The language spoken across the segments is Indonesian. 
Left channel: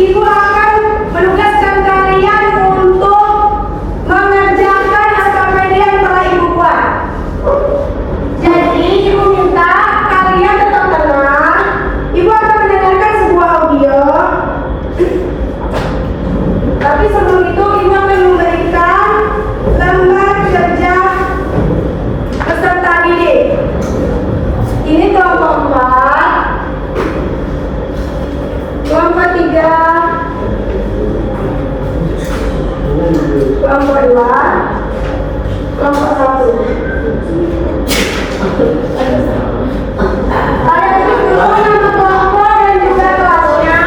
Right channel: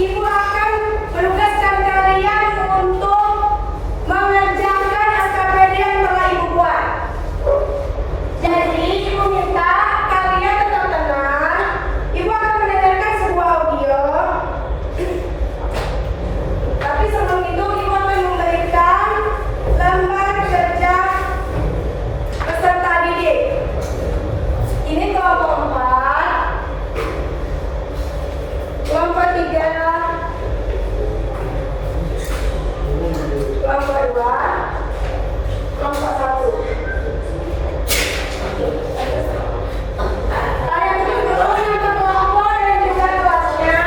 Ibu akan menugaskan kalian untuk mengerjakan SKPD yang telah Ibu buat. Jadi Ibu minta kalian tetap tenang. Ibu akan mendengarkan sebuah audio. Tapi sebelum itu Ibu akan memberikan lembar kerja peserta didik. Ini kelompok 4, kelompok 3, kelompok 2, kelompok 1. Kalian tulis dulu nama kelompok dan juga kelasnya.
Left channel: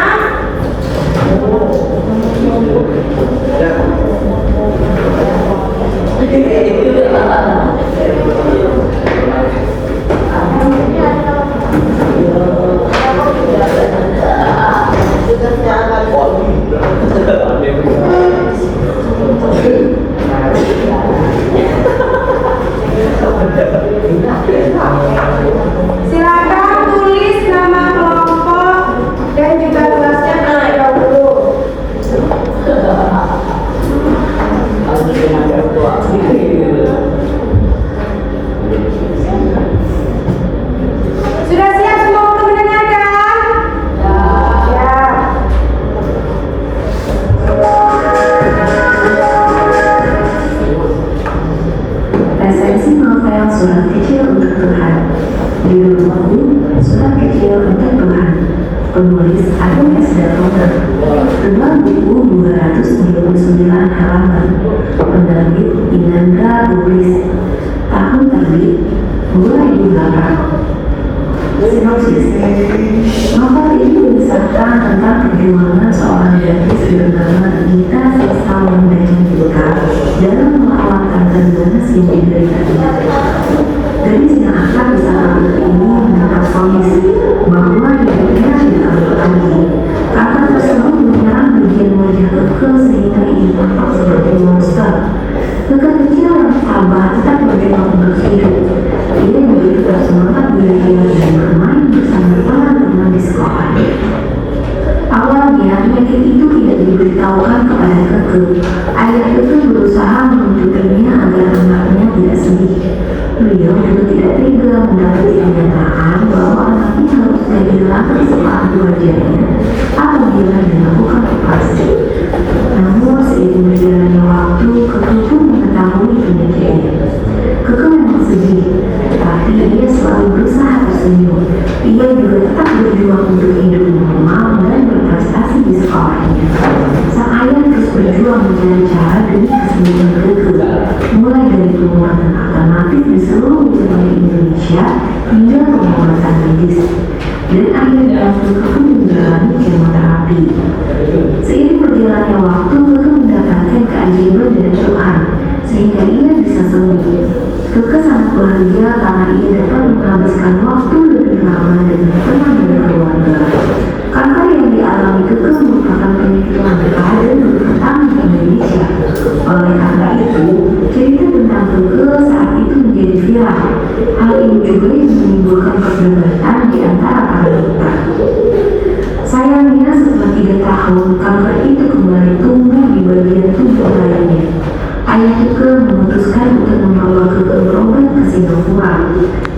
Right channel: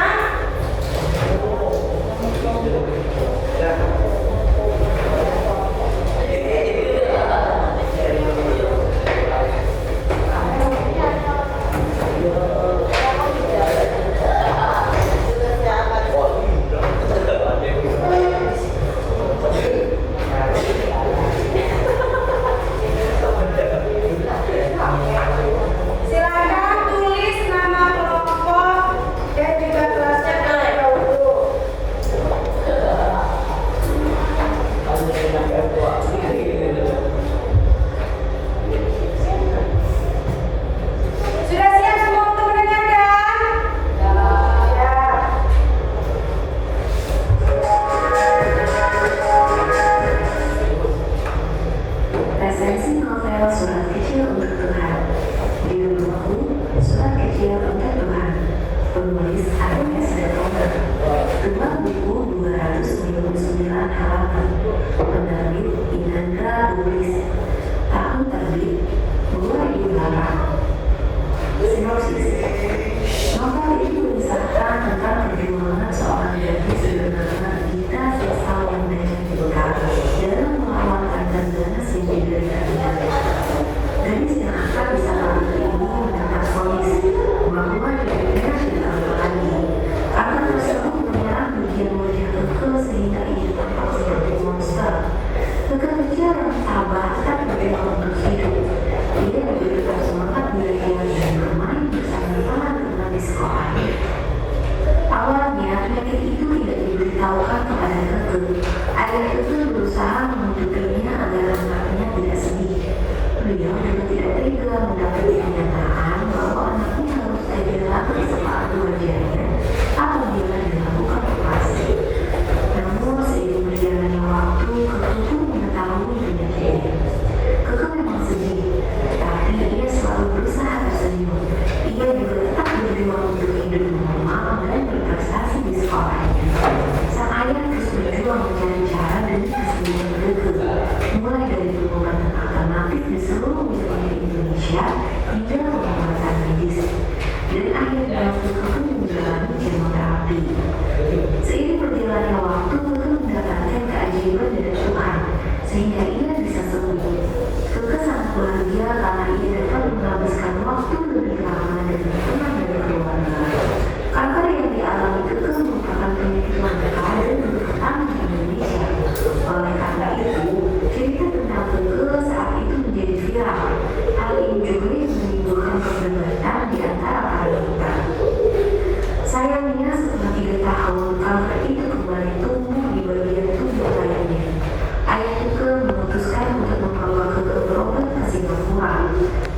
Silakan tulis nama kelompok dan juga kelasnya terlebih dahulu. Sudah siap semua untuk mendengarkan? Ya. Resensi novel Surat Kecil untuk Tuhan. Judul buku Surat Kecil untuk Tuhan. Penulis Agung S. Dartono. Jumlah buku 299 halaman. Penerbit Inandra Publis. Tahun terbit 2008. Sinopsis. Novel ini mengisahkan tentang perjuangan seorang gadis bernama Gita Sista Wendayita dalam melawan ganas yang dideritanya. Gadis yang akrab di saat ini mendapat vonis bahwa hidupnya tidak akan lagi. Kakak tersebut menyerang bagian wajah Keke sehingga ia tampak seperti monster. Keke kecil yang sabar tetap berjuang untuk hidup. Ia begitu bersemangat belajar dan bermain bersama teman-teman di sekolahnya. Awalnya penyakit itu tidak diberitahukan kepada Keke. Ayah Keke berusaha menutupinya agar anaknya tidak sedih. Beliau juga tidak tega mendapati kenyataan bahwa anaknya harus kehilangan separuh wajahnya apabila dilakukan operasi. Namun seiring berjalannya waktu, Keke pun mengetahui penyakitnya. Keke memang sedih, tapi ia selalu berusaha tersenyum. Ia juga tetap berjuang untuk hidup normal dan berprestasi di sekolahnya. Sang ayah terus berjuang mencari cara demi kesembuhan Keke, mulai dari pengobatan alternatif di seluruh wilayah Indonesia hingga pengobatan medis. Dan akhirnya Keke pun menjalani kemoterapi. Seiring berjalannya waktu, Keke mendapatkan keajaiban dari Tuhan sehingga ia bisa sembuh. Keke sangat bahagia karena ia dapat menghabiskan waktu lebih lama dan berteman dengan keluarga. Kanker yang dialami Keke merupakan penyakit langka dan pertama di Indonesia. Oleh karena itu, cerita tentang Keke saat itu menjadi viral. Hal ini juga yang menimbulkan perdebatan di antara para dokter. Sayangnya setelah 3 tahun, kanker itu kembali tumbuh di bagian tubuh lainnya. Ayah Keke memutuskan untuk membawa Keke berobat ke Singapura.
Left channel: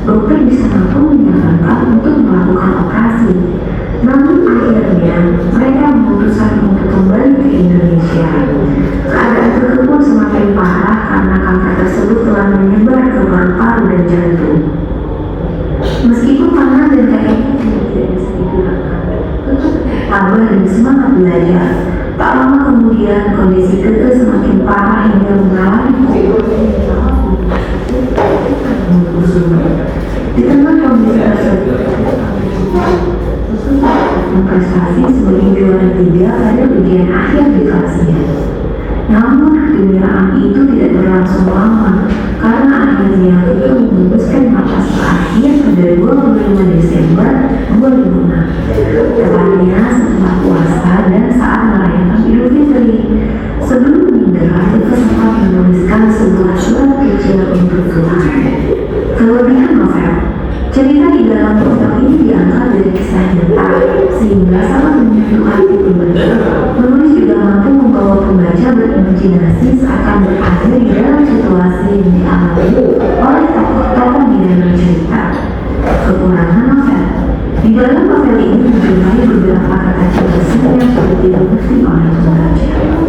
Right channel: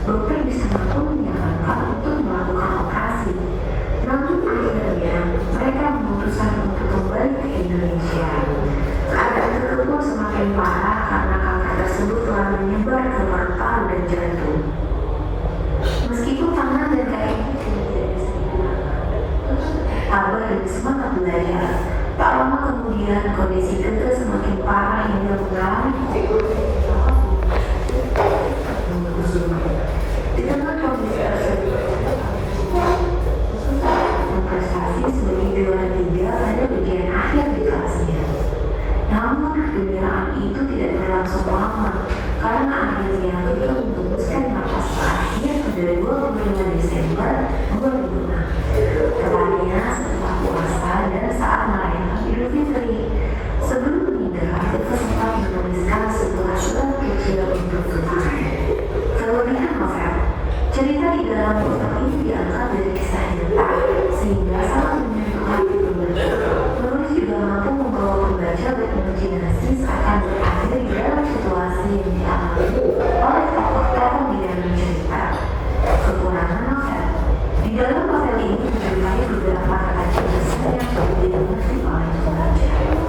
Dokter di sana pun menyarankan untuk melakukan operasi. Namun akhirnya mereka memutuskan untuk kembali ke Indonesia. Keadaan Keke pun semakin parah karena kanker tersebut telah menyebar ke paru-paru dan jantung. Meskipun tangan dan kakinya tidak bisa digunakan, Keke tabah dan semangat belajar. Tak lama kemudian kondisi Keke semakin parah hingga mengalami di tengah kondisi tersebut, prestasi sebagai juara 3 pada bagian akhir di kelasnya. Namun kegembiraan itu tidak berlangsung lama karena akhirnya Keke memutuskan batas akhir pada 25 Desember 2006. Tepatnya setelah puasa dan saat merayakan Idul Fitri. Sebelum meninggal, Keke sempat menuliskan sebuah surat kecil untuk Tuhan. Kelebihan novel, cerita di dalam novel ini diangkat dari kisah nyata sehingga sangat menyentuh hati pembaca. oleh pembaca.